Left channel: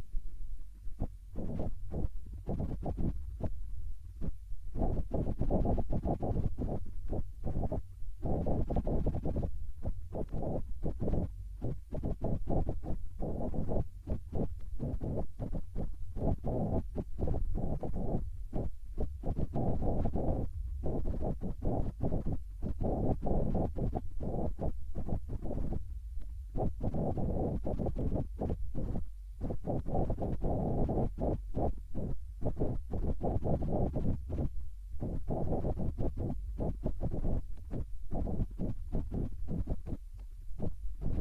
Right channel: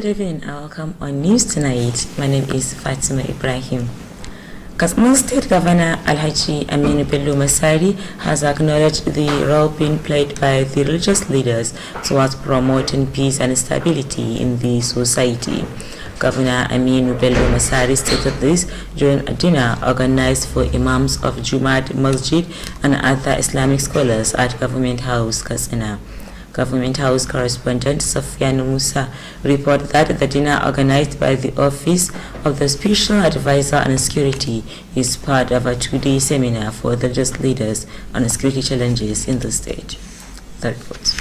Good evening and welcome on News Tonight. My name is Fatima Ibrahim. Katsina State Governor Alhaji Aminu Bello Masari has acknowledged the role being played by the religious leaders towards promoting peace and stability in the society. Governor Aminu Bello Masari stated this during a dinner organized for imams of Jumaat Masjid and other Islamic scholars at Government House, Katsina. Government House correspondent Safyan Musa reported that the dinner organized by the Office of the Special Advisor on Security is part of a two-day seminar for the religious leaders on security challenges in the state. The report.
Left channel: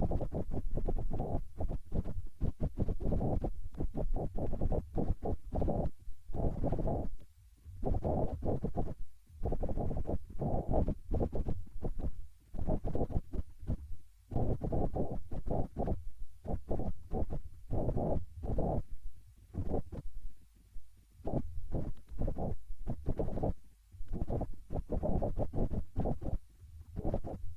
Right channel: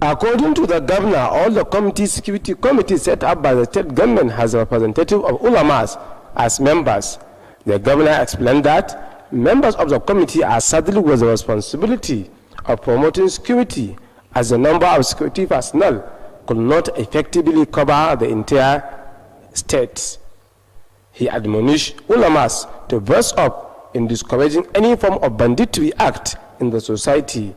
According to the governor, all the security committees set up by the state government has a representative of ulamas as members. The governor explained that members of the committee are saddled with the responsibility of promoting security, as the number of security personnel could not effectively cover the entire state. He admonished ulamas to burst up in discouraging any form of banditry act in the society.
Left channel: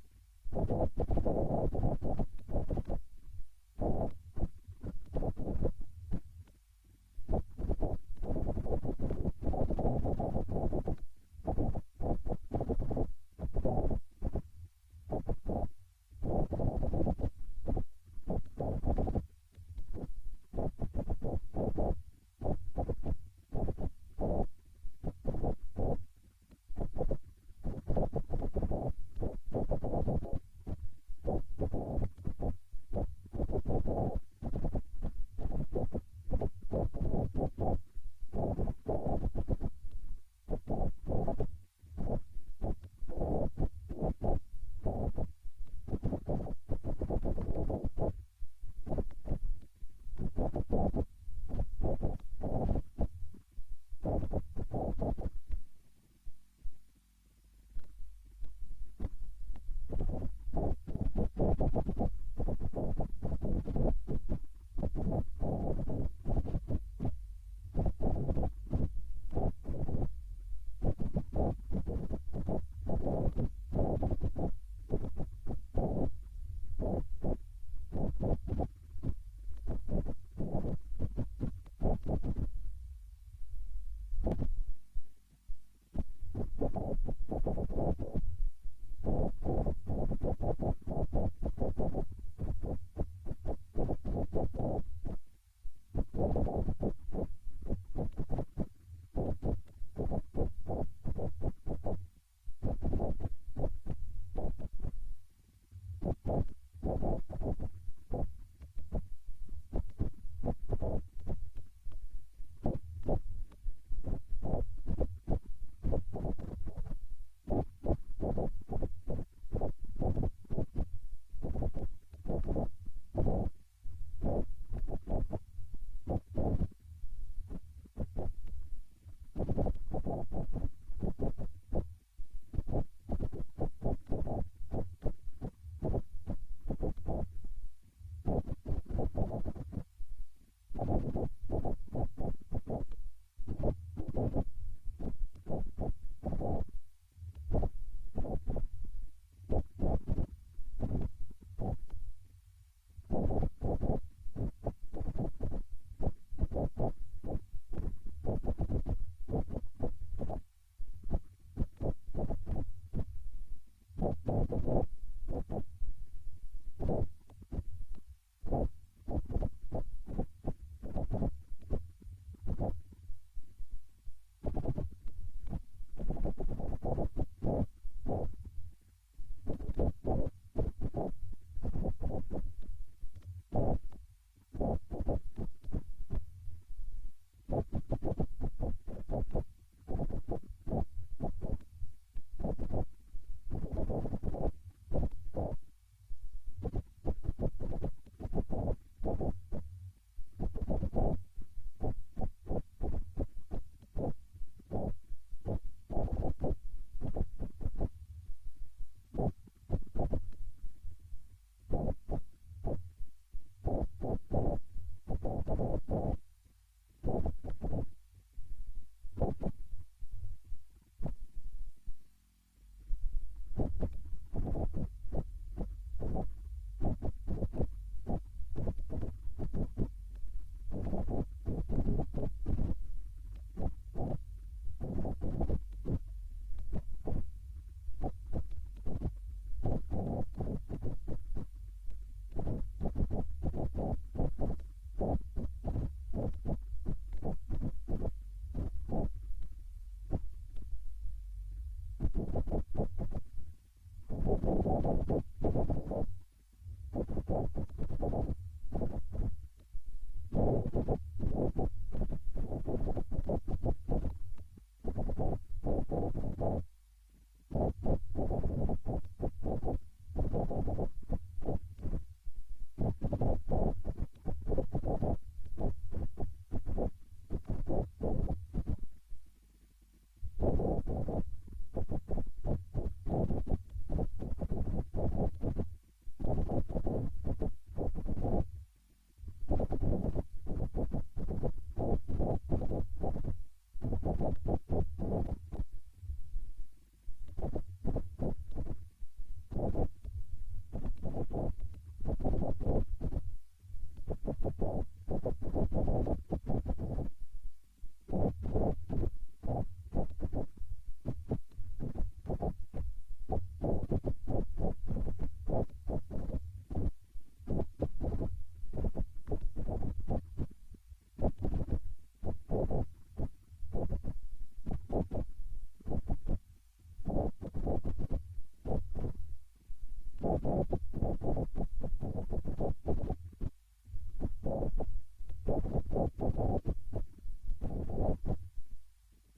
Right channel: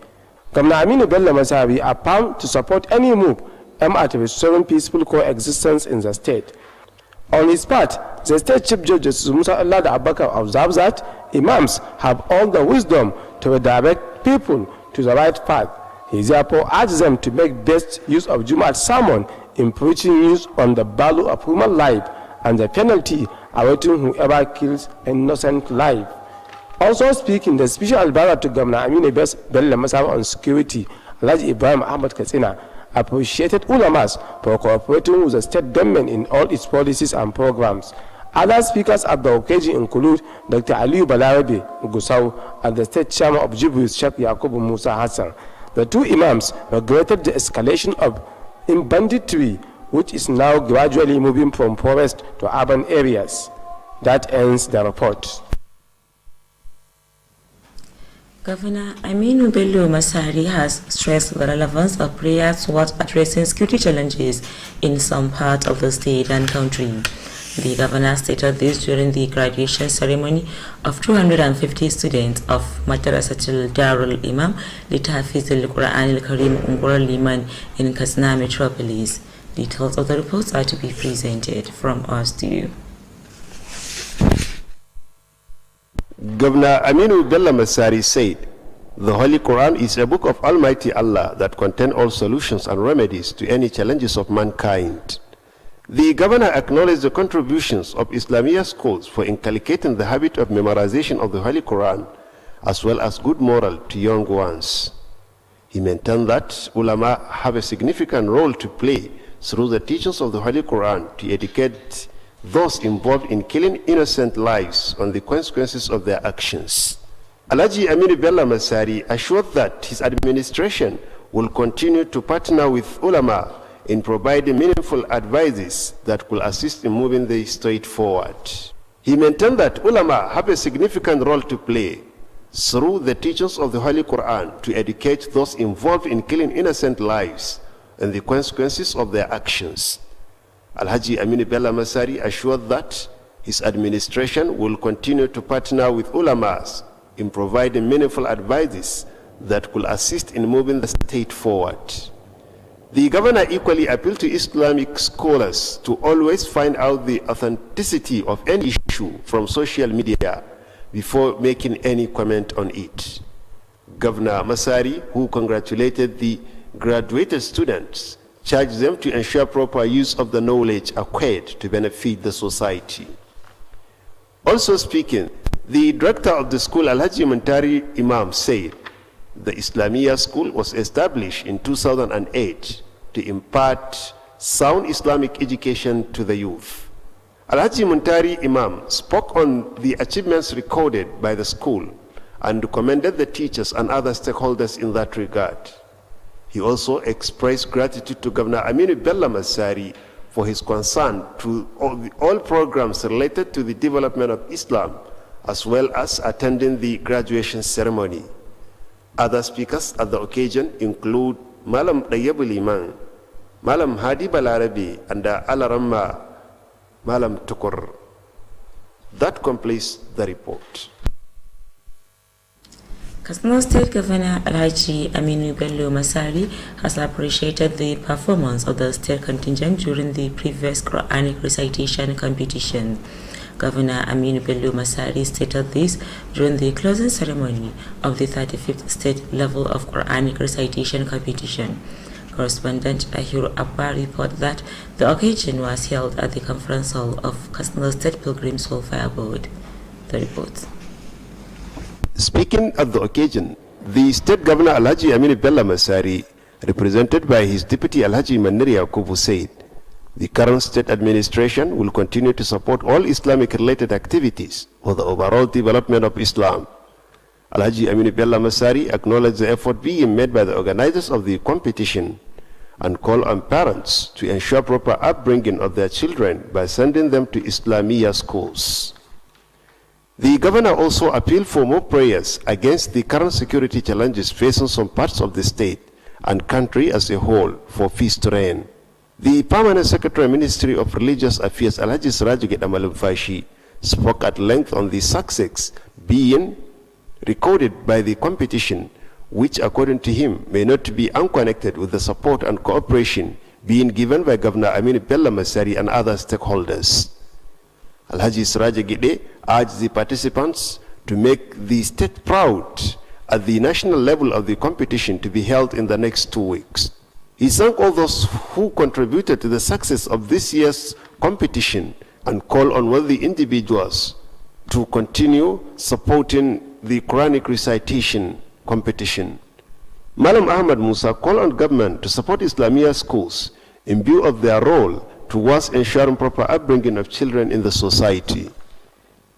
Governor Aminu Bello Masari appealed to support any move aimed at restoring peaceful coexistence in the state. On his part, the State Chief Judge Musa Allah Abakar observes that imams have all the wisdom to redirect people to the right path. He therefore urges them to make best use of Jumaat sermon in preaching news on the value of human life and the penalty awaiting whoever kills an innocent life. Also speaking, the special advisor to Governor Aminu Bello Masari on security, Alhaji Ibrahim Ahmad Katsina, appreciated ulamas for cooperating with the state government in all its policies and programs. Other speakers at the occasion include Dr. Aliyu Balarabe Gusau and the state chairman of Jibril Sheikh Yakubu Musa Hassan. The two imams regretted the escalation of banditry, which is now gradually moving from forest to urban areas. That ends the report. Governor Aminu Bello Masari has stressed the relevance of prayer towards addressing security challenges in some parts of the state and country. The governor stated this during the graduation ceremony of 250 students of Madrasatul Darul Imam Litafiz al-Quran al-Karim Ungur Liman in Katsina Metropolis. Details of the reports are to be presented from our studio. Governor Aminu Bello Masari said, "The Holy Quran is a book of Almighty Allah that contains all solutions and remedies to any challenges of mankind." The governor acknowledged the contributions of Islamia schools for inculcating the habit of memorization of the Holy Quran, as well as good moral to young ones. He maintained that ulama have a significant role to play through the teachings of the Holy Quran to educate those involved in killing innocent lives on the consequences of their actions. Alhaji Aminu Bello Masari assured that his administration will continue to partner with ulama in providing meaningful advices that will assist in moving the state forward. He maintained that ulama have a significant role to play through the teachings of the Holy Quran to educate those involved in killing innocent lives and the consequences of their actions. Alhaji Aminu Bello Masari assured that his administration will continue to partner with ulamas in providing meaningful advices that will assist in moving the state forward. The governor equally appealed to Islamic scholars to always find out the authenticity of any issue from social media before making any comment on it. Governor Masari, who congratulated the graduated students, charged them to ensure proper use of the knowledge acquired to benefit the society. Also speaking, the director of the school, Alhaji Muntari Imam, said the Islamia school was established in 2008 to impart sound Islamic education to the youth. Alhaji Muntari Imam spoke on the achievements recorded by the school and commended the teachers and other stakeholders in that regard. He also expressed gratitude to Governor Aminu Bello Masari for his concern to all programs related to the development of Islam, as well as attending the graduation ceremony. Other speakers at the occasion include Malam Dayyabul Iman, Malam Hadi Balarabi, and Alaramma Malam Tukur. That completes the report. Katsina State Governor Alhaji Aminu Bello Masari has appreciated the performance of the state contingent during the previous Quranic recitation competition. Governor Aminu Bello Masari stated this during the closing ceremony of the 35th state level of Quranic recitation competition. Correspondent Ahiru Abba reported that the occasion was held at the conference hall of Katsina State Pilgrims Welfare Board. The report. Speaking at the occasion, the State Governor Alhaji Aminu Bello Masari, represented by his Deputy Alhaji Maniri Yakubu, said the current state administration will continue to support all Islamic-related activities for the overall development of Islam. Alhaji Aminu Bello Masari acknowledged the effort being made by the organizers of the competition and called on parents to ensure proper upbringing of their children by sending them to Islamia schools. The governor also appealed for more prayers against the current security challenges facing some parts of the state and country as a whole for peace to reign. The Permanent Secretary Ministry of Religious Affairs, Alhaji Siraju Malamfashi, spoke at length on the success being recorded by the competition, which according to him may not be unconnected with the support and cooperation being given by Governor Aminu Bello Masari and other stakeholders. Alhaji Siraju Gide urged the participants to make the state proud at the national level of the competition to be held in the next 2 weeks. He thanked all those who contributed to the success of this year's competition and called on wealthy individuals to continue supporting the Quranic recitation competition. Malam Ahmad Musa called on government to support Islamia schools in view of their role towards ensuring proper upbringing of children in the society.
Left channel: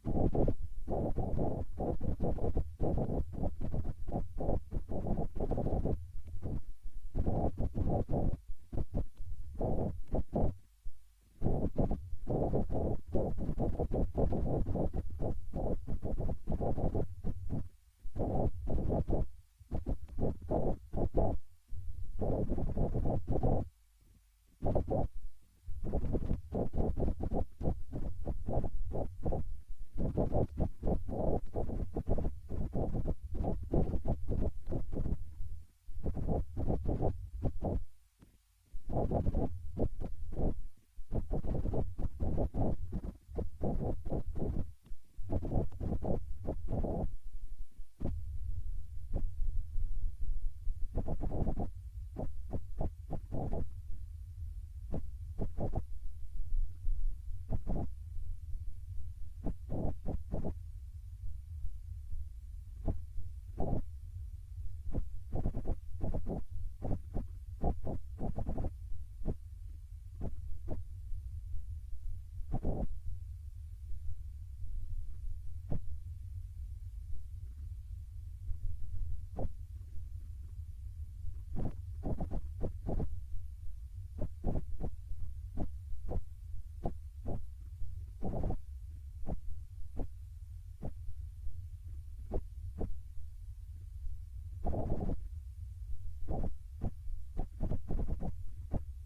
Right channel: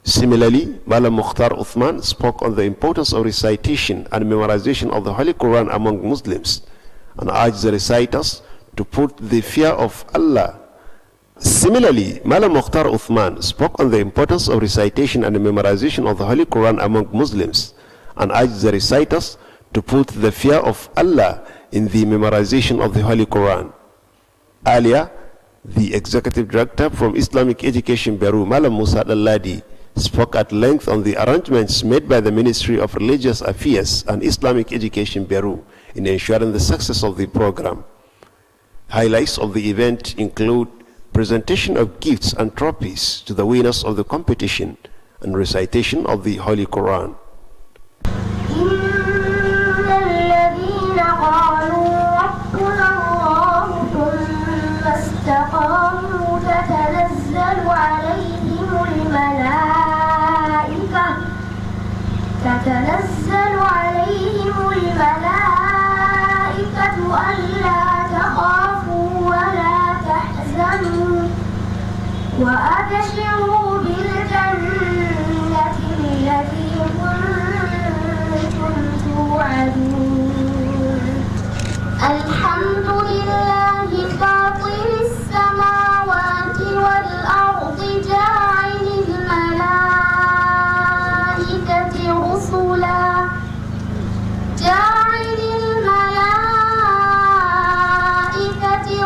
Similarly, Malam Mukhtar Uthman spoke on the importance of recitation and memorization of the Holy Quran among Muslims and urged the reciters to put the fear of Allah. Similarly, Malam Mukhtar Uthman spoke on the importance of recitation and memorization of the Holy Quran among Muslims and urged the reciters to put the fear of Allah in the memorization of the Holy Quran. Earlier, the Executive Director from Islamic Education Bureau, Malam Musa Al-Ladi, spoke at length on the arrangements made by the Ministry of Religious Affairs and Islamic Education Bureau in ensuring the success of the program. Highlights of the event include presentation of gifts and trophies to the winners of the competition and recitation of the Holy Quran. تتنزل عليهم الملائكة ألا تخافوا ولا تحزنوا وأبشروا بالجنة التي كنتم توعدون الحمد لله فاطر السماوات والأرض جاعل الملائكة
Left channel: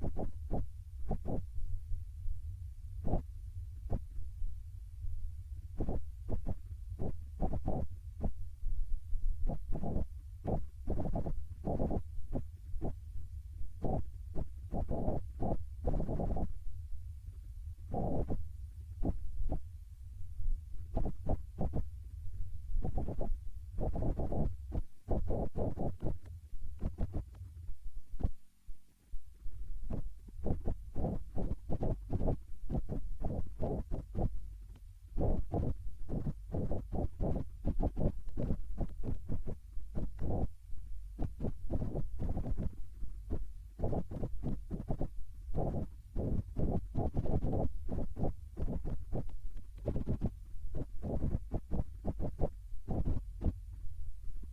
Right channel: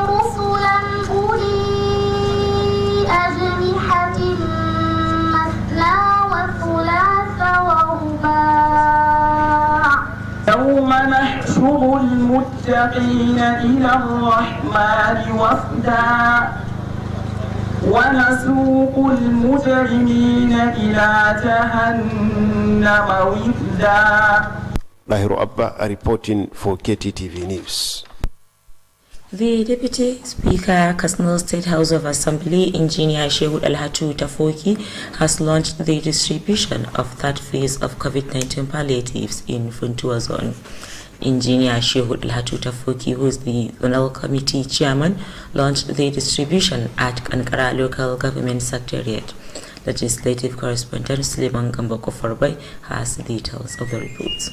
رسلا أولي أجنحة مثنى وثلاث ورباع يوم نحشر المتقين إلى الرحمن وفدا ونسوق المجرمين إلى جهنم وفدا. Ahiru Abba reporting for Kttv News. The Deputy Speaker, Katsina State House of Assembly, Engineer Shehu Alhatu Tafoki, has launched the distribution of third phase of COVID-19 palliatives in Funtua Zone. Engineer Shehu Alhatu Tafoki, who is the Zonal Committee Chairman, launched the distribution at Ankara Local Government Secretariat. Legislative Correspondent Suleiman Gamboko Forbai has details of the report.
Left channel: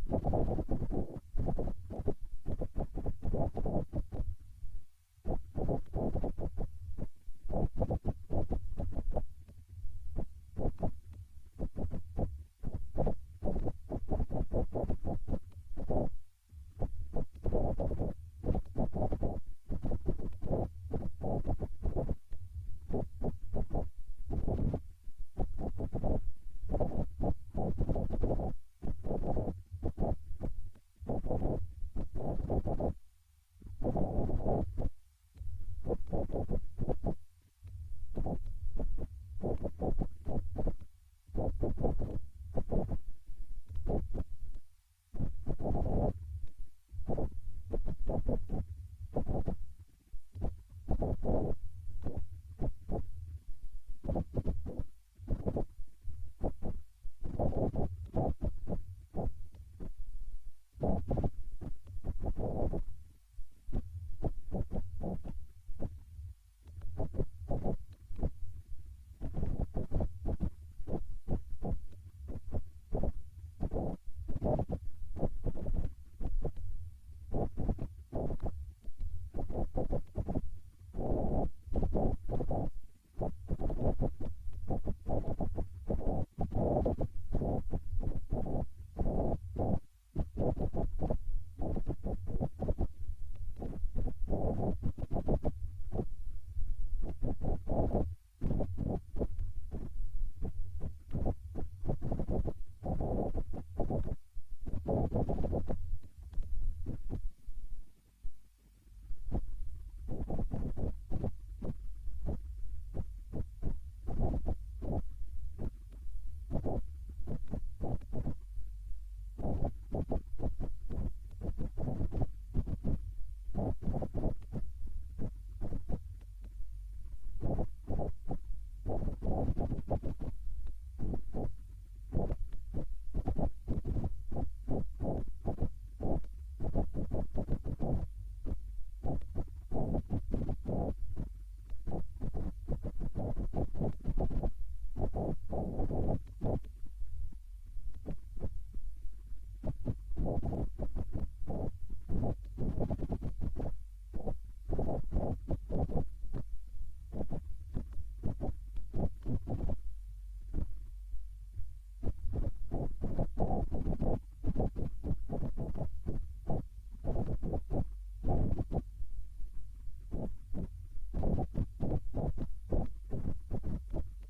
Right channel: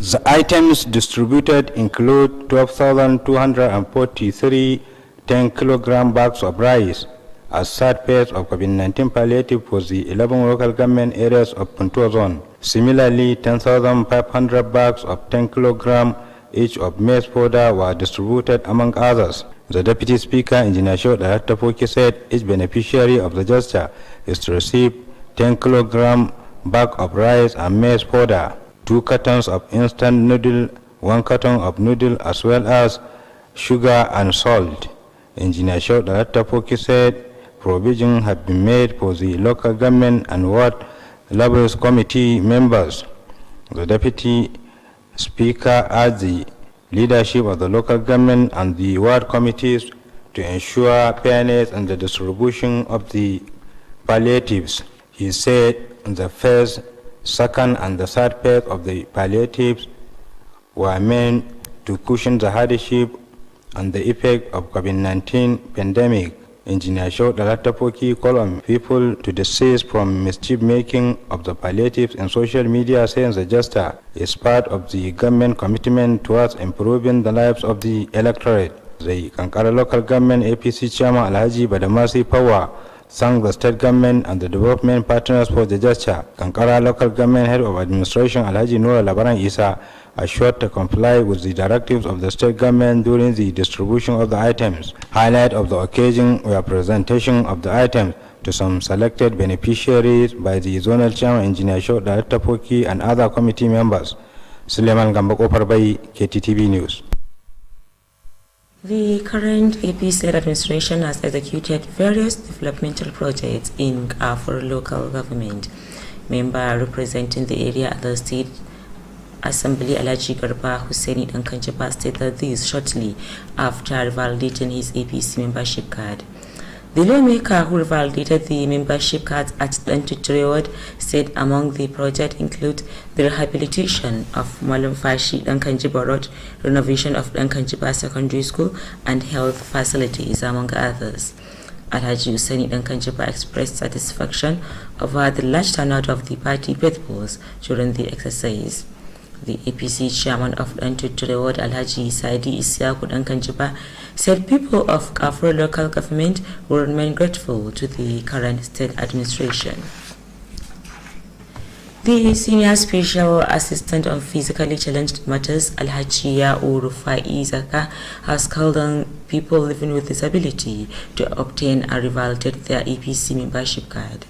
The items distributed include 12,243 10-kilogram bags of rice as third phase of COVID-19 palliative for the 11 local government areas of Puntua Zone. Similarly, 10,500 bags of 10-kilogram each of maize powder were distributed among others. The Deputy Speaker, Engineer Shehu Tafoki, said each beneficiary of the gesture is to receive 10-kilogram bag of rice and maize powder, 2 cartons of instant noodle, 1 carton of noodle, as well as sugar and salt. Engineer Shauda Tapoki said provision had been made for the local government and ward levels committee members. The deputy speaker urged the leadership of the local government and the ward committees to ensure fairness in the distribution of the palliatives. He said the first, second, and the third phase of the palliatives were meant to cushion the hardship and the effect of COVID-19 pandemic. Engineer Shauda Tapoki called on people to desist from mischief-making of the palliatives in social media, saying the gesture is part of the government commitment towards improving the lives of the electorate. The Kankara local government APC chairman Alhaji Badamasi Pawa thanked the state government and the development partners for the gesture. Kankara local government head of administration Alhaji Noor Labaran Isa assured to comply with the directives of the state government during the distribution of the items. Highlight of the occasion were presentation of the items to some selected beneficiaries by the zonal chairman engineer Shauda Tapoki and other committee members. Suleiman Gambako Parbai, Kttv News. The current APC administration has executed various developmental projects in for local government. Member representing the area at the State Assembly Alhaji Garba Hussaini Dankanjaba stated this shortly after validating his APC membership card. The lawmaker who validated the membership card at Dantutreward said among the projects include the rehabilitation of Malam Fashi Dankanjiba Road, renovation of Dankanjiba Secondary School, and health facilities, among others. Alhaji Hussaini Dankanjiba expressed satisfaction over the large turnout of the party faithfuls during the exercise. The APC chairman of Dantutreward, Alhaji Saidi Isiaku Dankanjiba, said people of Afro local government will remain grateful to the current state administration. The Senior Special Assistant on Physically Challenged Matters, Alhaji Rufai Zaka, has called on people living with disability to obtain and revalidate their APC membership card.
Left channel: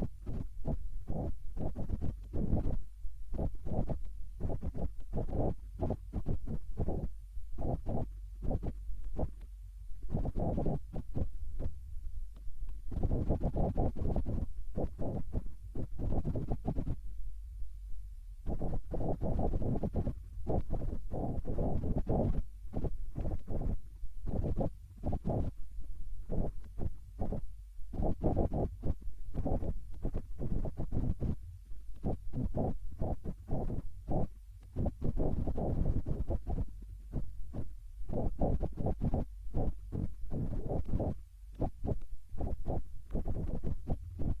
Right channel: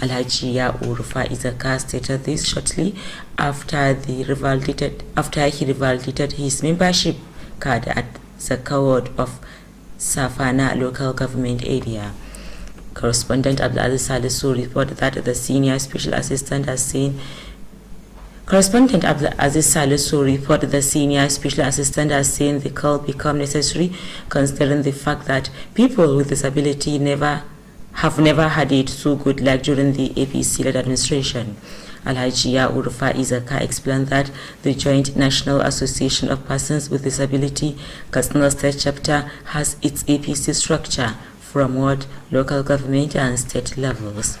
Alhaji Rufai Zaka stated this shortly after he revalidated his membership card at Zaka ward of Safana local government area. Correspondent Abdulaziz Salisu reported that the Senior Special Assistant has seen the call become necessary, considering the fact that people with disability have never had it so good like during the APC-led administration. Alhaji Rufai Zaka explained that the Joint National Association of Persons with Disability Katsina State Chapter has its APC structure from ward, local government and state levels.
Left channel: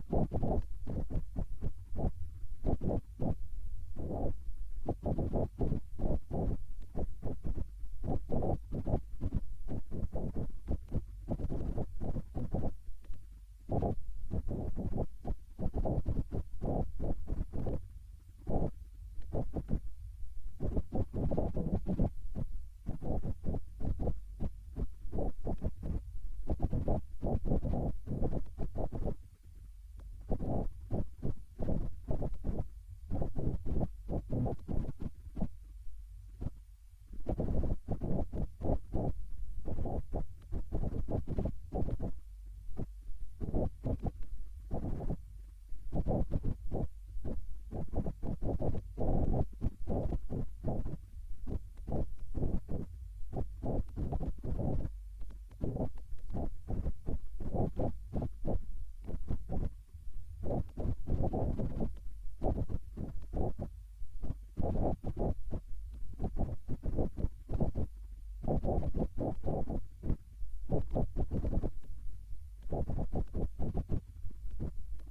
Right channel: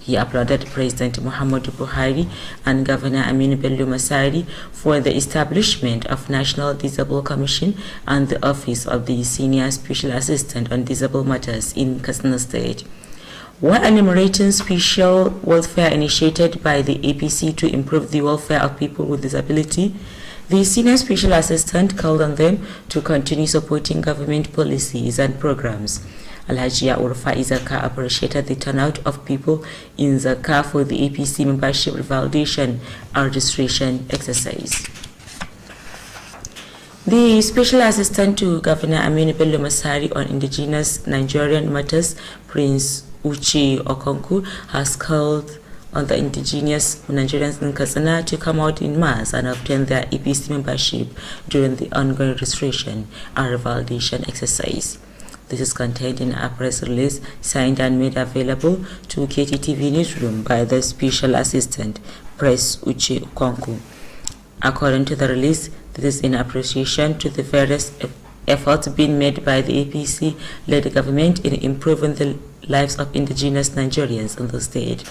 He applauded President Muhammadu Buhari and Governor Aminu Bello Masari for the establishment of National Disabled Commission and the Office of the Senior Special Assistant on Disabled Matters in Katsina State. While enumerating special welfare initiated by the APC to improve the welfare of people with disability, the Senior Special Assistant called on them to continue supporting government policies and programs. Alhaji Rufai Zaka appreciated the turnout of people in Zaka for the APC membership revalidation and registration exercise. The Special Assistant to Governor Aminu Bello Masari on Indigenous Nigerian Matters, Prince Uche Okonkwo, has called on the indigenous Nigerians in Katsina to come out in mass and obtain their APC membership during the ongoing registration and revalidation exercise. This is contained in a press release signed and made available to Kttv Newsroom by the Special Assistant, Prince Uche Okonkwo. According to the release, this is in appreciation to the various efforts being made by the APC-led government in improving the lives of indigenous Nigerians in the state.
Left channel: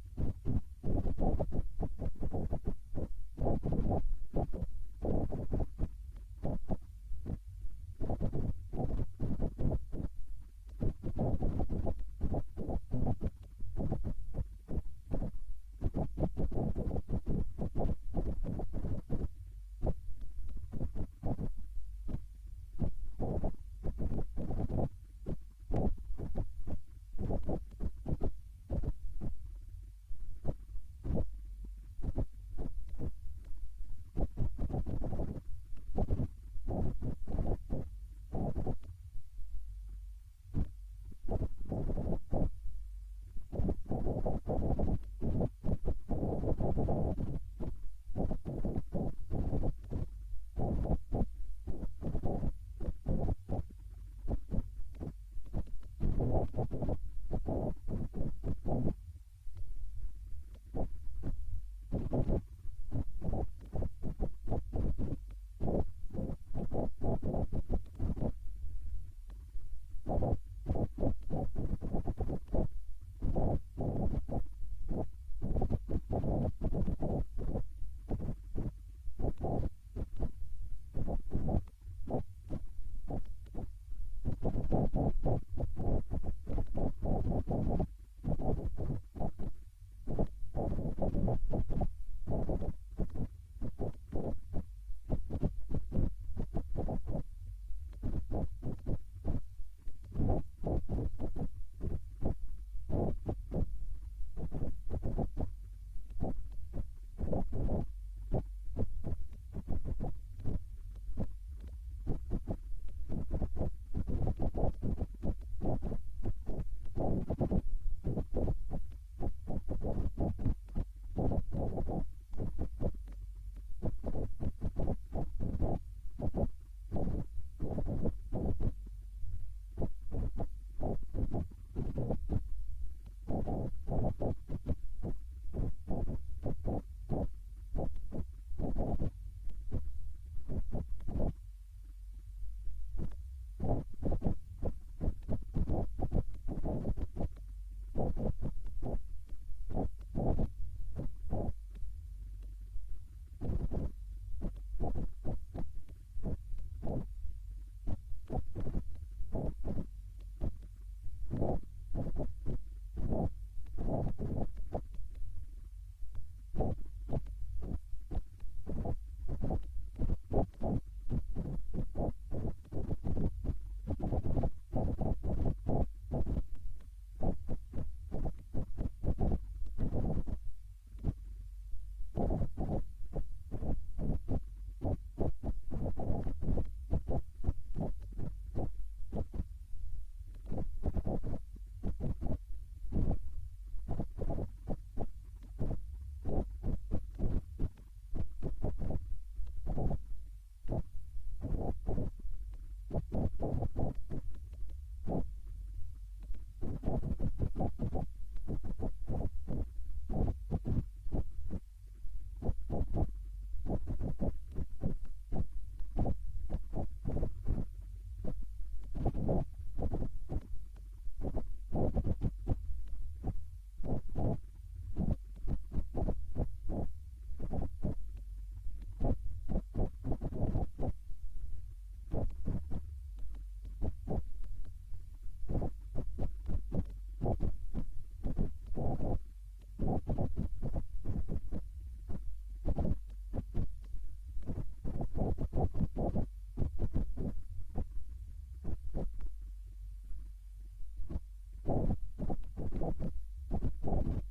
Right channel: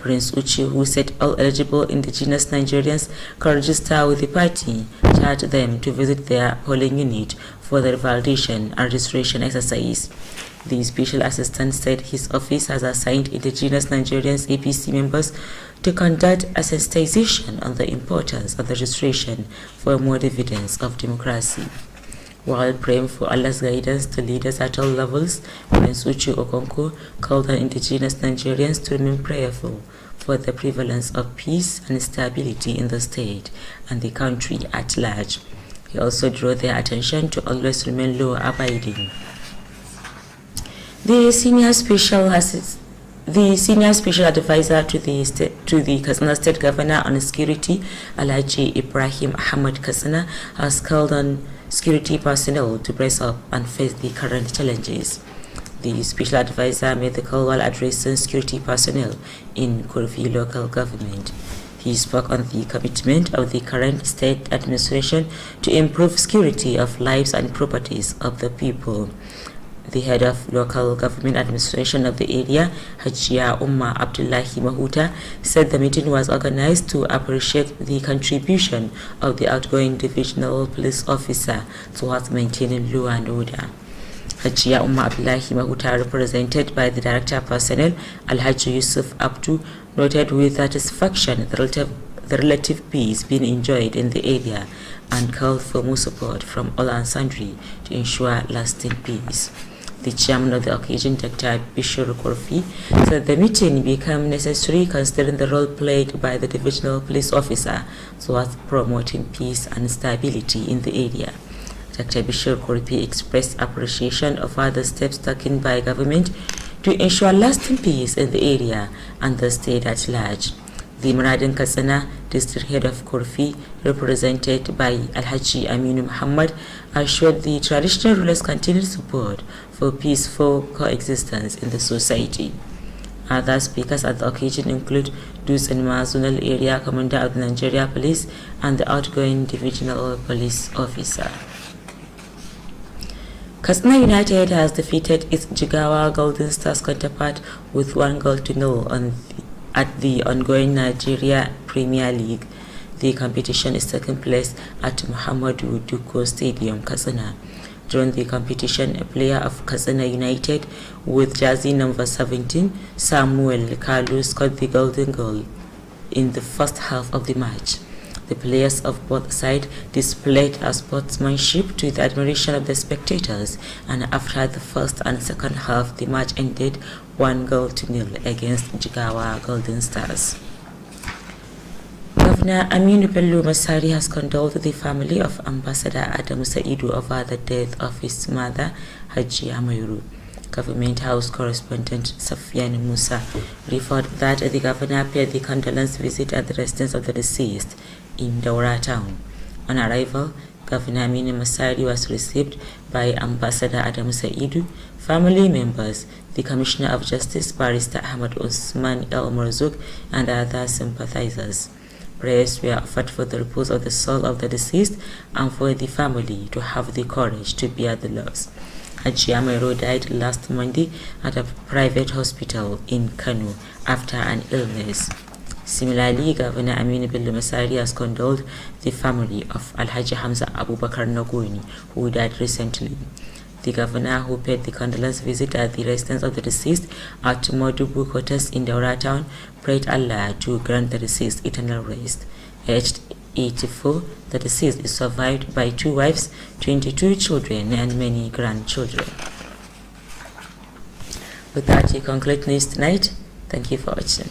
Prince Uche, who said all eligible indigenous Nigerians can register with the party, charged them to visit their polling unit for the revalidation and registration exercise. The Special Assistant said his office has assigned indigenous Nigerians APC members to conduct a sensitization on the importance of the registration for more dividends of democracy. While praying for Allah's guidance to leaders at all levels, Prince Uche Okonkwo called on indigenous Nigerians to remain prayerful for the prevalence of peace and stability in the state and the country at large. He also drew their attention to always remain law-abiding. The senior special advisor to the Katsina State Governor on Security, Alhaji Ibrahim Ahmad Katsina, has called on security personnel to brace up and face the current challenges. The special advisor made the call while addressing security personnel in Kttv local government. He spoke on the commitment of the current state administration to improve security of lives and properties of the people. The head of local government administration of the area, Hajia Umma Abdullahi Mahuta, said the meeting was organized to appreciate the contribution of the outgoing divisional police officer towards maintaining law and order. Hajia Umma Abdullahi Mahuta, represented by the Director of Personnel, Alhaji Yusuf Abdu, noted with satisfaction the relative peace being enjoyed in the area and called for more support from all and sundry to ensure lasting peace. The chairman of the occasion, Dr. Bishir Korfi, said the meeting became necessary considering the role played by the divisional police officer towards promoting peace and stability in the area. Dr. Bishir Korfi expressed appreciation of other steps taken by government to ensure lasting peace in the area and the state at large. The Maradin Katsina district head of Korfi, represented by Alhaji Aminu Muhammad, assured the traditional rulers continued support for peaceful coexistence in the society. Other speakers at the occasion include Dus and Zonal Area Commander of the Nigeria Police and the outgoing divisional police officer. Katsina United has defeated its Jigawa Golden Stars counterpart with 1-0 at the ongoing Nigeria Premier League. The competition is taking place at Muhammadu Duko Stadium, Katsina. During the competition, a player of Katsina United with jersey number 17, Samuel Kalu, scored the golden goal in the first half of the match. The players of both sides displayed a sportsmanship to the admiration of the spectators, and after the first and second half, the match ended 1-0 against Jigawa Golden Stars. Governor Aminu Bello Masari has condoled the family of Ambassador Adam Saidu over the death of his mother, Haji Amayuru. Government House correspondent Safian Musa reported that the governor paid the condolence visit at the residence of the deceased in Daura town. On arrival, Governor Aminu Masari was received by Ambassador Adam Saidu, family members, the Commissioner of Justice Barrister Ahmad Usman El Marzouk, and other sympathizers. Prayers were offered for the repose of the soul of the deceased and for the family to have the courage to bear the loss. Haji Amero died last Monday at a private hospital in Kano after an illness. Similarly, Governor Aminu Bello Masari has condoled the family of Alhaji Hamza Abubakar Nagoni, who died recently. The governor, who paid the condolence visit at the residence of the deceased at Modubu Quarters in Daura town, prayed Allah to grant the deceased eternal rest. Aged 84, the deceased is survived by 2 wives, 22 children, and many grandchildren. With that, we conclude news tonight. Thank you for watching.